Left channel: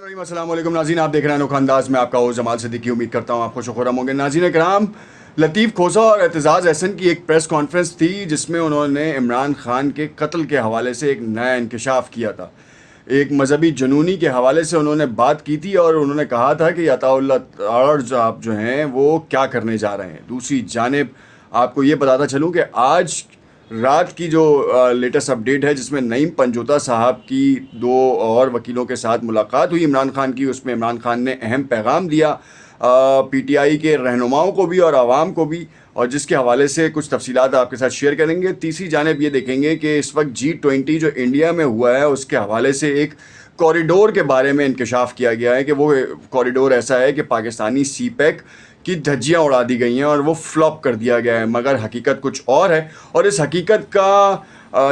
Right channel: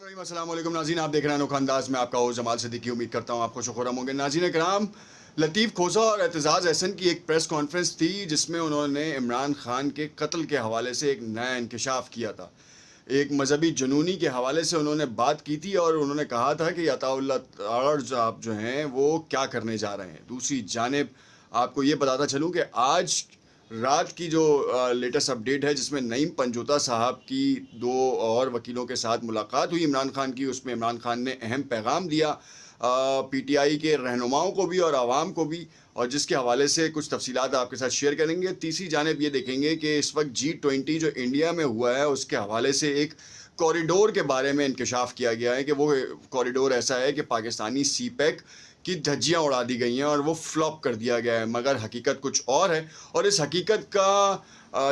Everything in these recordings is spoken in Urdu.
السلام علیکم ناظرین، آپ دیکھ رہے ہیں انوکھا انداز میں آپ کا ہوں جمال صدیقی. امید کرتا ہوں آپ خوش و خرم ہوں گے. ناظرین کرام، لطیف کھوسہ اور اعتزاز احسن کی ایک پریس کانفرنس تھی جس میں انہوں نے عمران خان کے قتل کے حوالے سے ایک نیا انکشاف کیا تھا. ایک مذہبی جنونی کے حوالے سے انہوں نے بات کی تھی اور انہوں نے کہا تھا کہ عطا اللہ عرض آپ جو ہیں وہ کیا کرنے جا رہے ہیں. دوسری جانب آپ کو یہ بتاتا چلوں کہ آج رات کی جو لیٹسٹ اپڈیٹ ہے جس میں نعیم پنجوتا صاحب کی دو اور وکیلوں کے ساتھ ملاقات ہوئی عمران خان کی، اس میں عمران خان نے اہم پیغام دیا پی ٹی آئی کے رہنماؤں کو بھی اور عوام کو بھی، اور جس کے حوالے سے کچھ تفصیلات آپ کے ساتھ شیئر کریں گے. تیسری جانب یہ دیکھیں گے کہ اس وقت G20 جو انڈیا میں ہوا ہے اس کے حوالے سے ایک کوریڈور کے بارے میں انکشاف کیا گیا ہے کہ وہ کوریڈور ایسا ہے کہ پاکستانی سی پیک کی دھجیاں اڑا دی گئی ہیں اور وہ فلاپ کر دیا گیا ہے، مگر حقیقت کچھ اور ہے. اور اس حقیقت کا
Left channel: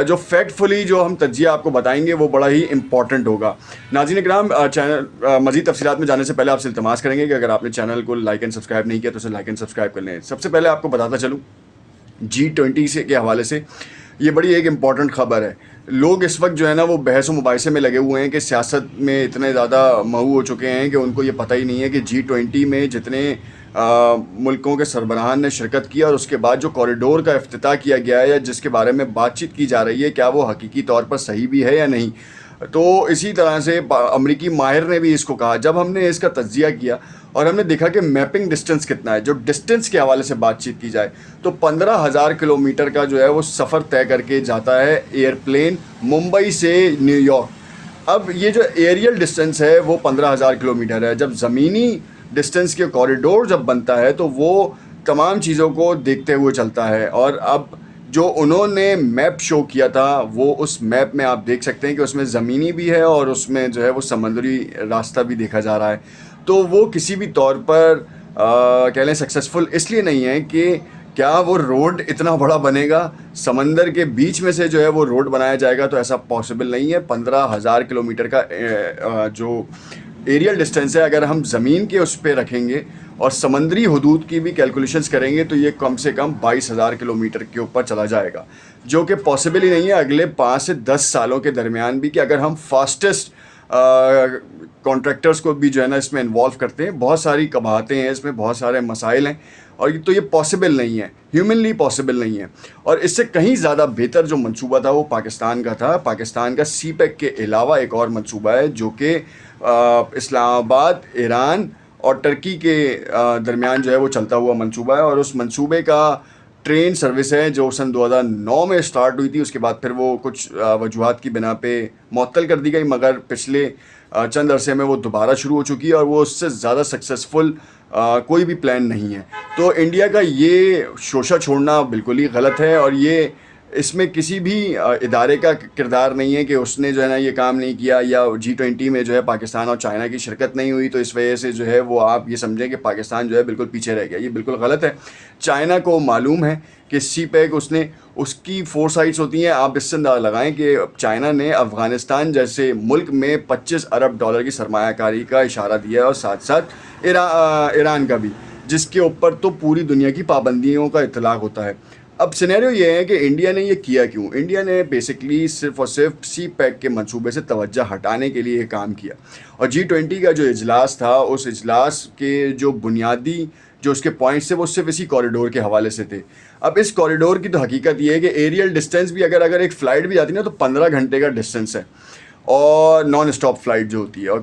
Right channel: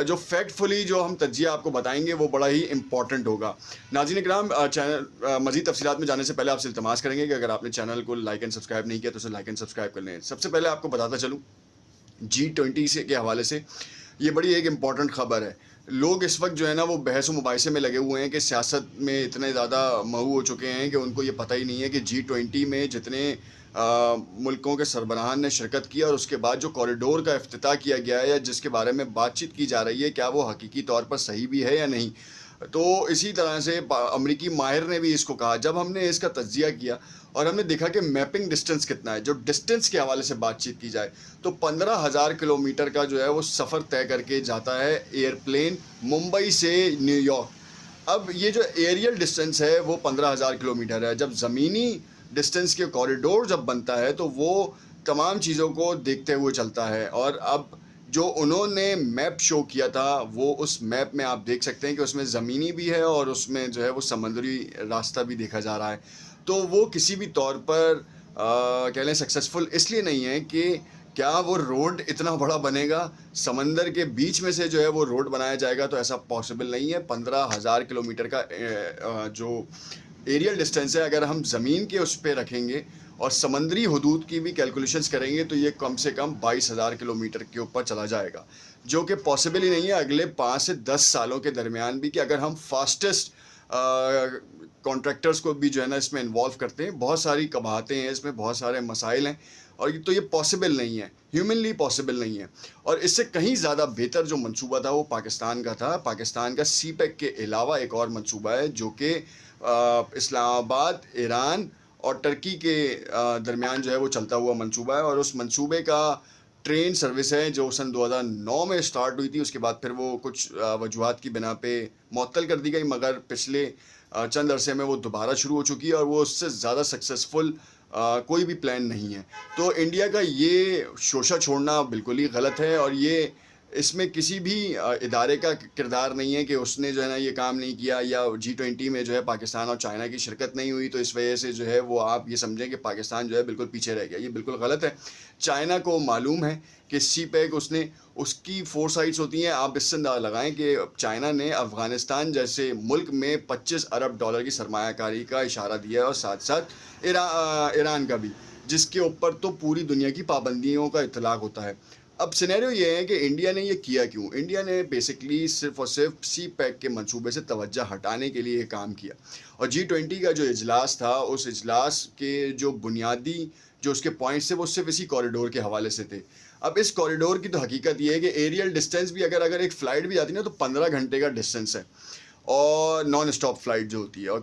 جو فیکٹ فلی جو ہم تجزیہ آپ کو بتائیں گے وہ بڑا ہی امپورٹنٹ ہوگا. ناظرین کرام، چینل مزید تفصیلات میں جانے سے پہلے آپ سے التماس کریں گے کہ اگر آپ نے چینل کو لائک اینڈ سبسکرائب نہیں کیا تو اسے لائک اینڈ سبسکرائب کر لیں. سب سے پہلے آپ کو بتاتا چلوں G20 سے کے حوالے سے یہ بڑی ایک امپورٹنٹ خبر ہے. لوگ اس وقت جو ہے نا وہ بحث و مباحثے میں لگے ہوئے ہیں کہ سیاست میں اتنے زیادہ مہو ہو چکے ہیں کہ ان کو یہ پتہ ہی نہیں ہے کہ G20 میں جتنے ملکوں کے سربراہان نے شرکت کی اور اس کے بعد جو کوریڈور کا افتتاح کیا گیا ہے یا جس کے بارے میں بات چیت کی جا رہی ہے کیا وہ حقیقی طور پر صحیح بھی ہے یا نہیں. تو اسی طرح سے امریکی ماہر نے بھی اس کو کہا. جب ہم نے اس کا تجزیہ کیا اور ہم نے دیکھا کہ میپنگ ڈسٹنس کتنا ہے، جو ڈسٹنس کے حوالے سے بات چیت کی جائے تو 15,000 کلومیٹر کا جو ہے وہ سفر طے کر کے جاتا ہے ایئر پلین ممبئی سے نیو یارک. اب یہ جو ایریل ڈسٹنس ہے وہ 15,000 کلومیٹر ہے. جب زمینی ڈسٹنس کے کوریڈور جب بنتا ہے تو وہ تمام چیزوں کو دیکھتے ہوئے چلتا ہے. اور اب جو انہوں نے میپ شو کیا تھا وہ اس میپ میں آپ دیکھ سکتے ہیں کہ اس میں زمینی بھی ہے اور اس میں جو ہے وہ سمندری راستہ بھی دیکھا جا رہا ہے. تو وہ کسی بھی طور پر کہہ لیں سکسیزفل اس لیے نہیں ہے کہ کیا وہ روڈ اتنا بڑا بنے گا، سمندر کے بیچ میں سے جو ہے وہ روڈ بنایا جائے گا، تو ایسا پاسبل نہیں ہے. 15,000 کلومیٹر کا جو ایریل ڈسٹینس ہے اگر ہم زمین کے اس پہ رکھیں گے اور سمندری حدود کی بھی کیلکولیشنز کریں گے تو یہ کم سے کم 22,000 کلومیٹر کے اوپر چلا جائے گا، جو کہ پاسبل ہی نہیں ہے اگلے 5 سے 10 سالوں کے درمیان بھی. کہ اگر ہم فاسٹسٹ کانٹریکٹرز کو بھی جو ہے نا اس میں انوالو کرتے ہیں، بہت ساری قباحتیں ہیں اس میں، بہت سارے مسائل ہیں اور تو یہ پاسبل نہیں ہے، ہیومنلی پاسبل نہیں ہے. اور اس سے کہیں زیادہ بہتر جو منصوبہ تھا وہ پاکستان کا تھا. پاکستان کا سی پیک کے علاوہ ایک اور منصوبہ ہے جو کہ اسلام آباد، ایران اور ترکی کے درمیان جو ہے وہ چلتا ہوا منصوبہ ہے. اور اس منصوبے کا ٹرین سروس ہے جو سن 2009 میں اسٹارٹ ہوئی تھی، اس کے بعد پھر وہ کچھ وجوہات کی بنا پہ معطل کر دی گئی، مگر پچھلے چند عرصے میں وہ دوبارہ شروع ہو چکی ہے اور وہ اس سے زیادہ سکسیزفل کوئی بھی پلان نہیں ہے. تو انڈیا کا یہ شوشہ چھوڑنا بالکل ہی غلط ہے اور یہ اس میں کسی بھی ادارے کا کردار نہیں ہے کہ اس نے جو ہے نا یہ کام نہیں کیا یا G20 میں جو ہے پاکستان اور چائنا کی شرکت نہیں ہوئی تو اس وجہ سے جو ہے وہ آپ یہ سمجھیں کہ پاکستان جو ہے بالکل پیچھے رہ گیا. یہ بالکل غلط ہے. چائنا کو معلوم ہے کہ سی پیک اس کی 4 سائٹس ہوتی ہیں. آپ اس سے اندازہ لگائیں کہ چائنا نے افغانستان جیسے ملک میں $25 ارب کی سرمایہ کاری کا اشارہ دیا ہے اور ساتھ ساتھ ایران کا بھی، جس کے اوپر تو پوری دنیا کی پابندیوں کا اطلاق ہوتا ہے. اب سینیریو یہ ہے کہ انڈیا نے یہ کیا کیوں؟ انڈیا نے بیسکلی صرف اور صرف سی پیک کے منصوبے سے توجہ ہٹانے کے لیے یہ کام کیا. اور G20 کا جو اجلاس تھا اس اجلاس کے جو بنیادی جو اس کے پوائنٹس تھے وہ صرف اسی کوریڈور کے حوالے سے تھے. اب اس کوریڈور کی تو حقیقت یہ ہے کہ ایریل ڈسٹینس بھی اگر ایک فلائٹ بھی آتی نا تو 15 گھنٹے کا ڈسٹینس ہے اور نان اسٹاپ فلائٹ جو ہوتی ہے. اور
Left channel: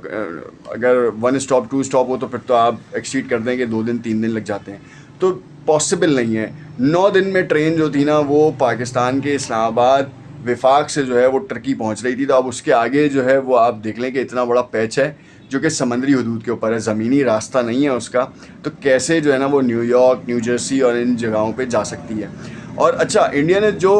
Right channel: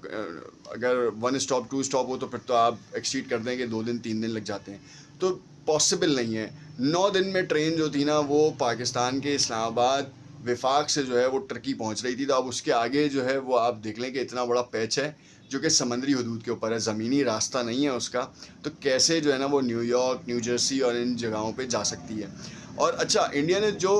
اگر 1 اسٹاپ 2 اسٹاپ ہو تو پھر تو آپ ایکسیڈ کر دیں کہ 2 دن 3 دن لگ جاتے ہیں. تو پاسبل نہیں ہے. 9 دن میں ٹرین جو تھی نا وہ پاکستان کے اسلام آباد وفاق سے جو ہے وہ ترکی پہنچ رہی تھی. تو اب اس کے آگے جو ہے وہ آپ دیکھ لیں کہ اتنا بڑا پیچ ہے جو کہ سمندری حدود کے اوپر ہے، زمینی راستہ نہیں ہے اس کا. تو کیسے جو ہے نا وہ نیو یارک، نیو جرسی اور ان جگہوں پہ جا سکتی ہے. اور اچھا، انڈیا نے جو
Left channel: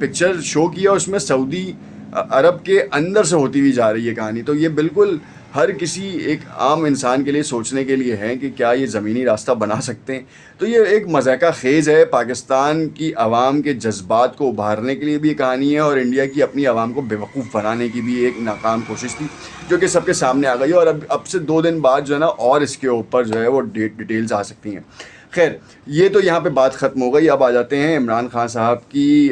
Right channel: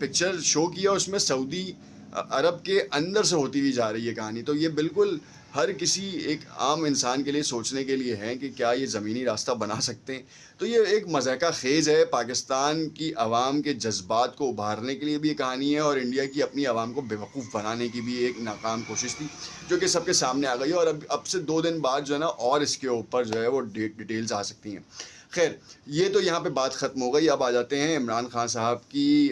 پکچر شو کیا اس میں سعودی عرب کے اندر سے ہوتی ہوئی جا رہی ہے کہانی. تو یہ بالکل ہر کسی ایک عام انسان کے لیے سوچنے کے لیے ہے کہ کیا یہ زمینی راستہ بنا سکتے ہیں. تو یہ ایک مضحکہ خیز ہے. پاکستان کی عوام کے جذبات کو ابھارنے کے لیے بھی یہ کہانی ہے اور انڈیا کی اپنی عوام کو بیوقوف بنانے کی بھی ایک ناکام کوشش تھی جو کہ سب کے سامنے آ گئی ہے. اور اب سے 2 دن بعد جو ہے نا اور اس کے اوپر جو ہے وہ ڈیٹیلز آ سکتی ہیں. خیر، یہ تو یہاں پہ بات ختم ہو گئی. اب آ جاتے ہیں عمران خان صاحب کی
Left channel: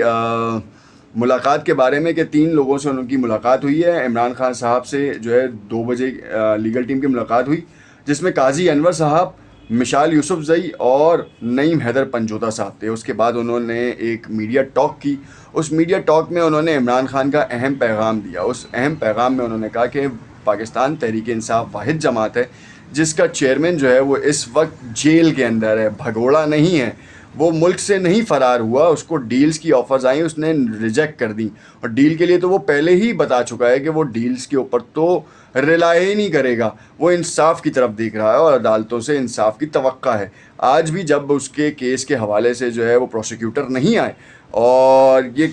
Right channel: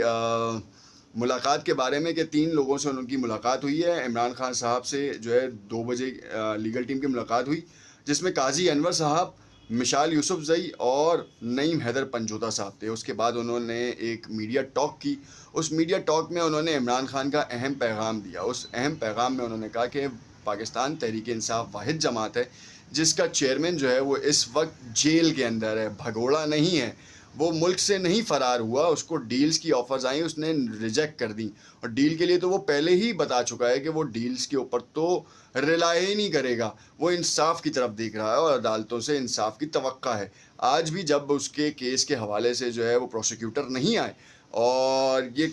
ملاقات کے بارے میں کہ 3 لوگوں سے ان کی ملاقات ہوئی ہے. عمران خان صاحب سے جو ہے 2 بجے لیگل ٹیم کی ملاقات ہوئی, جس میں قاضی انور صاحب, مشال یوسف زئی اور نعیم حیدر پنجوتا صاحب تھے. اس کے بعد انہوں نے ایک میڈیا ٹاک کی. اس میڈیا ٹاک میں انہوں نے عمران خان کا اہم پیغام دیا. اس اہم پیغام میں انہوں نے کہا کہ پاکستان تحریک انصاف واحد جماعت ہے جس کا چیئرمین جو ہے وہ اس وقت جیل کے اندر ہے, بھگوڑا نہیں ہے, وہ ملک سے نہیں فرار ہوا. اس کو ڈیلز کی آفرز آئیں, اس نے ریجیکٹ کر دیں, اور ڈیل کے لیے تو وہ پہلے ہی بتا چکا ہے کہ وہ ڈیلز کے اوپر تو ریلائی ہی نہیں کرے گا. وہ انصاف کی طرف دیکھ رہا ہے اور عدالتوں سے انصاف کی توقع ہے. آج بھی جب اس کے کیس کے حوالے سے جو ہے وہ پروسیکیوٹر نہیں آئے اور یہ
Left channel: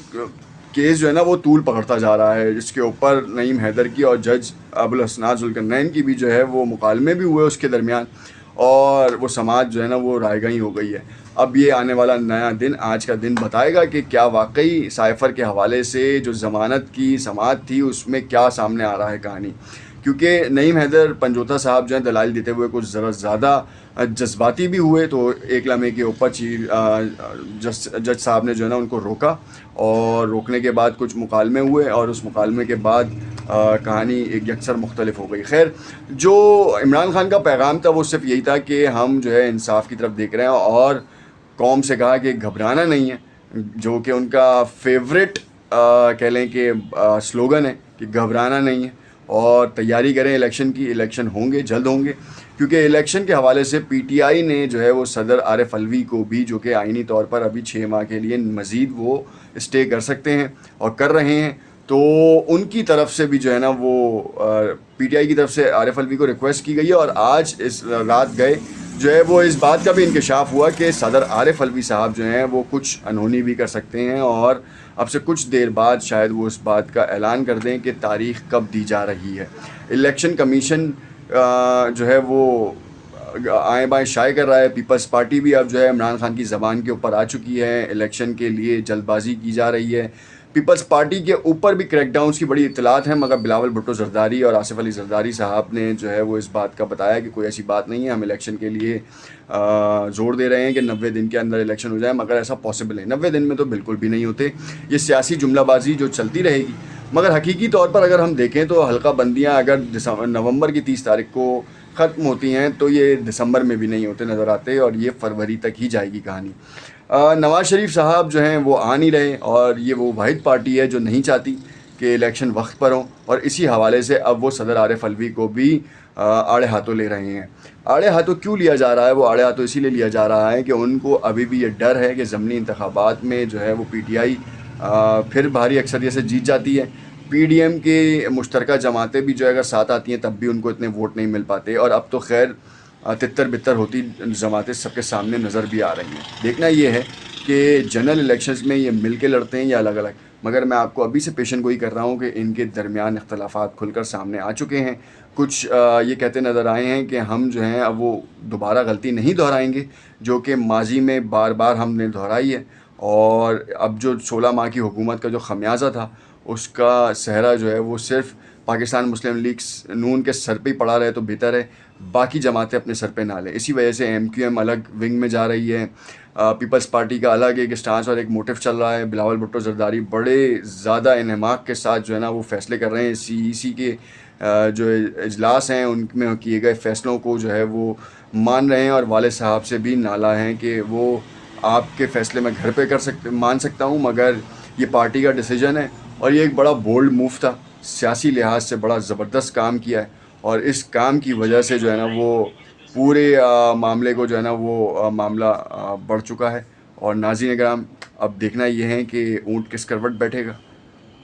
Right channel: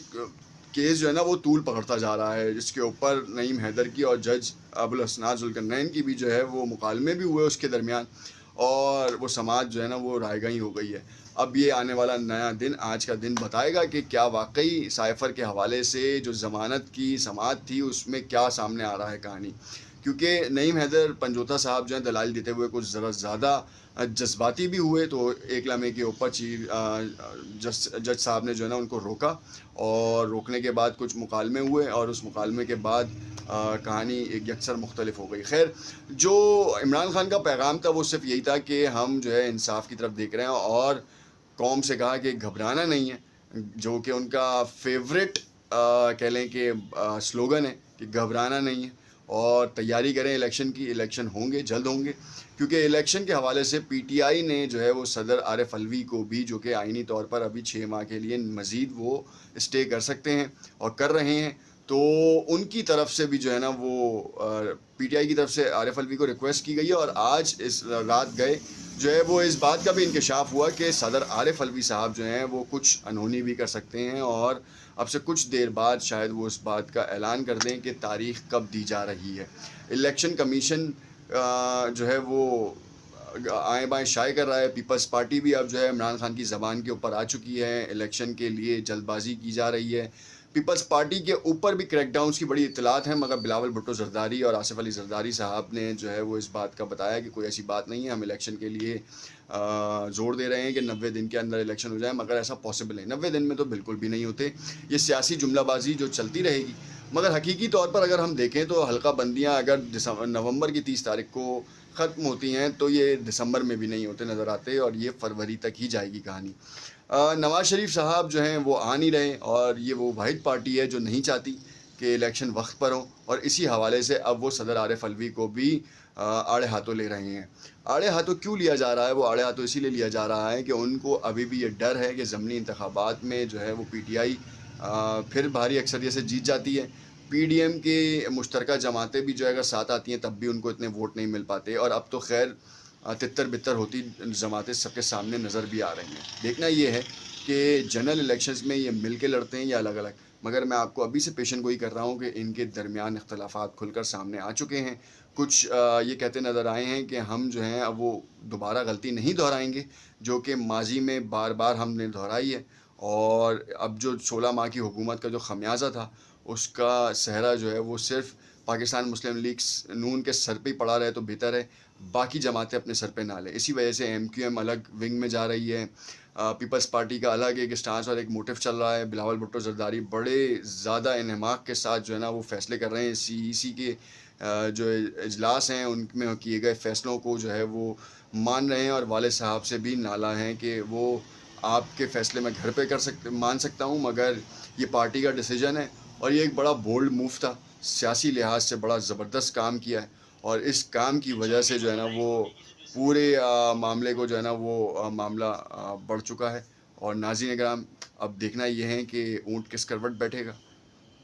کیس جو ہے نا وہ طول پکڑتا جا رہا ہے, جس کے اوپر نعیم حیدر کی اور جج ابوالحسنات ذوالقرنین کی بھی جو ہے وہ مکالمے بھی ہوئے اس کے درمیان, اور وہ سماعت جو ہے نا وہ رائے گائی ہو گئی ہے. اب یہ آنے والا نیا دن, آج کا دن بتائے گا کہ کیا واقعی سائفر کے حوالے سے جو ضمانت کی سماعت تھی اس میں کیا سامنے آ رہا ہے کہانی. کیونکہ نعیم حیدر پنجوتا صاحب جو ہیں دلائل دیتے ہوئے کچھ ذرا زیادہ جذباتی بھی ہوئے, تو ایک لمحے کے اوپر جج صاحب نے جو ہے نا ان کو روکا, اور روکنے کے بعد کچھ مکالمے ہوئے, اور اس مکالمے کے بعد کہانی ایک یکسر مختلف ہو گئی. خیر, جو عمران خان کا پیغام تھا وہ صرف یہی تھا کہ ہم جو ہے انصاف کی طرف دیکھ رہے ہیں, اور قوم سے کہا کہ گھبرانا نہیں ہے, جو کہ ان کا فیوریٹ کہہ لیں کہ سلوگن ہے کہ گھبرانا نہیں ہے, اور تیاری کریں الیکشن کی. الیکشن ہوں گے, جلد ہوں گے, کیونکہ الیکشن کے حوالے سے پی ٹی آئی نے جو ہے وہ صدر عارف الوی کو بھی, جو کہ آئینی طور پر ابھی 6 ماہ کے لیے مزید وہ اسٹے کر سکتے ہیں اور کر رہے ہیں, تو ان کی طرف سے بھی جو ہے نا وہ پی ٹی آئی کی طرف سے عارف الوی کو ریکویسٹ کی گئی ہے. اور آج اس رات گئے جو ہے وہ اس بات کا بھی انکشاف ہوا کہ صدر عارف الوی صاحب جو ہیں وہ کچھ انہونی بھی کر سکتے ہیں, اور اب سے کچھ دیر بعد شاید وہ اس بات کا اعلان کر دیں کہ تاریخ کب دی جا رہی ہے. الیکشن کمیشن جو ہے وہ آئیں بائیں شائع کر رہا ہے. پیپلز پارٹی بھی اب جو ہے عمران خان کی زبان کے اوپر آ چکی ہے. الیکشن کے لیے جلد بازی کی جا رہی ہے. پیپلز پارٹی کے اوپر بھی کریک ڈاؤنس کی بڑی اطلاعات ہیں, مگر بلاول بھٹو زرداری اور آصف علی زرداری صاحب نے جو ہے وہ اس بات کا بتایا کہ کوئی ایسی بات نہیں ہے, ہم الیکشن کے لیے زور دے رہے ہیں کہ 90 دن کے اندر الیکشن ہو جائے, مگر ایسا پاسبل ہے 90 دن میں تو بالکل بھی نہیں ہوتے. یہ سیاسی جملہ بازی جو چلتی رہے گی, مگر حقیقی طور پر اگر ہم دیکھیں تو حلقہ بندیاں اگر نومبر کی 30 تاریخ کو ختم ہوتی ہیں تو یہ دسمبر میں بھی نہیں ہوتے نظر آتے, اور یہ فروری تک ہی جائے گی کہانی. نواز شریف صاحب جو ہیں وہ آ نہیں رہے, اور یہ وہ واحد پارٹی ہے جو نہیں چاہتی کہ الیکشن وقت پر ہوں, اور اسی حوالے سے اب وہ صدر عارف الوی کو بھی آڑے ہاتھوں لے رہے ہیں. آڑے ہاتھوں کیوں لیا جا رہا ہے؟ وہ آڑے ہاتھوں اسی لیے لیا جا رہا ہے کہ ان کو ابھی بھی یہ ڈر ہے کہ ضمنی انتخابات میں جو ہے وہ پی ٹی آئی پھر بھاری اکثریت سے جیت جاتی ہے. پی ڈی ایم کے مشترکہ جماعتیں بھی جو ہے اگر ساتھ آتی ہیں تب بھی ان کو اتنے ووٹ نہیں مل پاتے, اور اب تو خیر تتر بتر ہوتی جماعتیں سب کے سامنے نظر بھی آ رہی ہیں. دیکھنا یہ ہے کہ جنرل الیکشنز میں یہ مل کے لڑتے ہیں یا الگ الگ, مگر میں آپ کو ابھی سے پیشن گوئی کر رہا ہوں کہ ان کے درمیان اختلافات کھل کر سامنے آ چکے ہیں. کچھ یہ کہتے نظر آئے ہیں کہ ہم جو ہیں اب وہ دوبارہ غلطی نہیں دہرائیں گے جو کہ ماضی میں بار بار ہم نے دہرائی ہے, اور اب جو 16 ماہ کی حکومت کا جو خمیازہ تھا اس کا صحرا جو ہے وہ صرف پاکستان مسلم لیگ نون کے سر پہ ہی پڑا رہے تو بہتر ہے, باقی جماعتیں اپنے سر پہ نہ لیں. اسی وجہ سے ایم کیو ایم الگ ونگ میں جا رہی ہے, پیپلز پارٹی کا الگ ایک اسٹانس اور ایک موٹیو چل رہا ہے. بلاول بھٹو زرداری بڑے زیادہ انہماک کے ساتھ جو ہے نا وہ فیصلے کر رہے ہیں. سی ای سی کے جو اجلاس ہیں ان میں کیے گئے فیصلوں کو جو ہے وہ مان رہے ہیں, اور والد صاحب سے بھی نالا ہیں کہ وہ آپ کے فیصلے میں گھر پہ مان سکتا ہوں, مگر یہ پارٹی کا ڈیسیجن ہے. اور یہ ایک بڑا بولڈ موو تھا, سیاسی لحاظ سے بڑا زبردست کام کیا ہے, اور اس کام کی وجہ سے جو ہے نا وہ پورے معاملے کو جو ہے نا وہ معاملہ بڑھ چکا ہے. اور ناظرین کرام, اب دیکھنا یہ ہے کہ اونٹ کس کروٹ بیٹھے گا.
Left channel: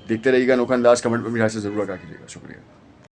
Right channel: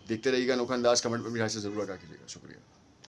دیکھتے رہیے گا انوکھا انداز. کمنٹ میں میرے سے ضرور آگاہ کیجیے گا. شکریہ.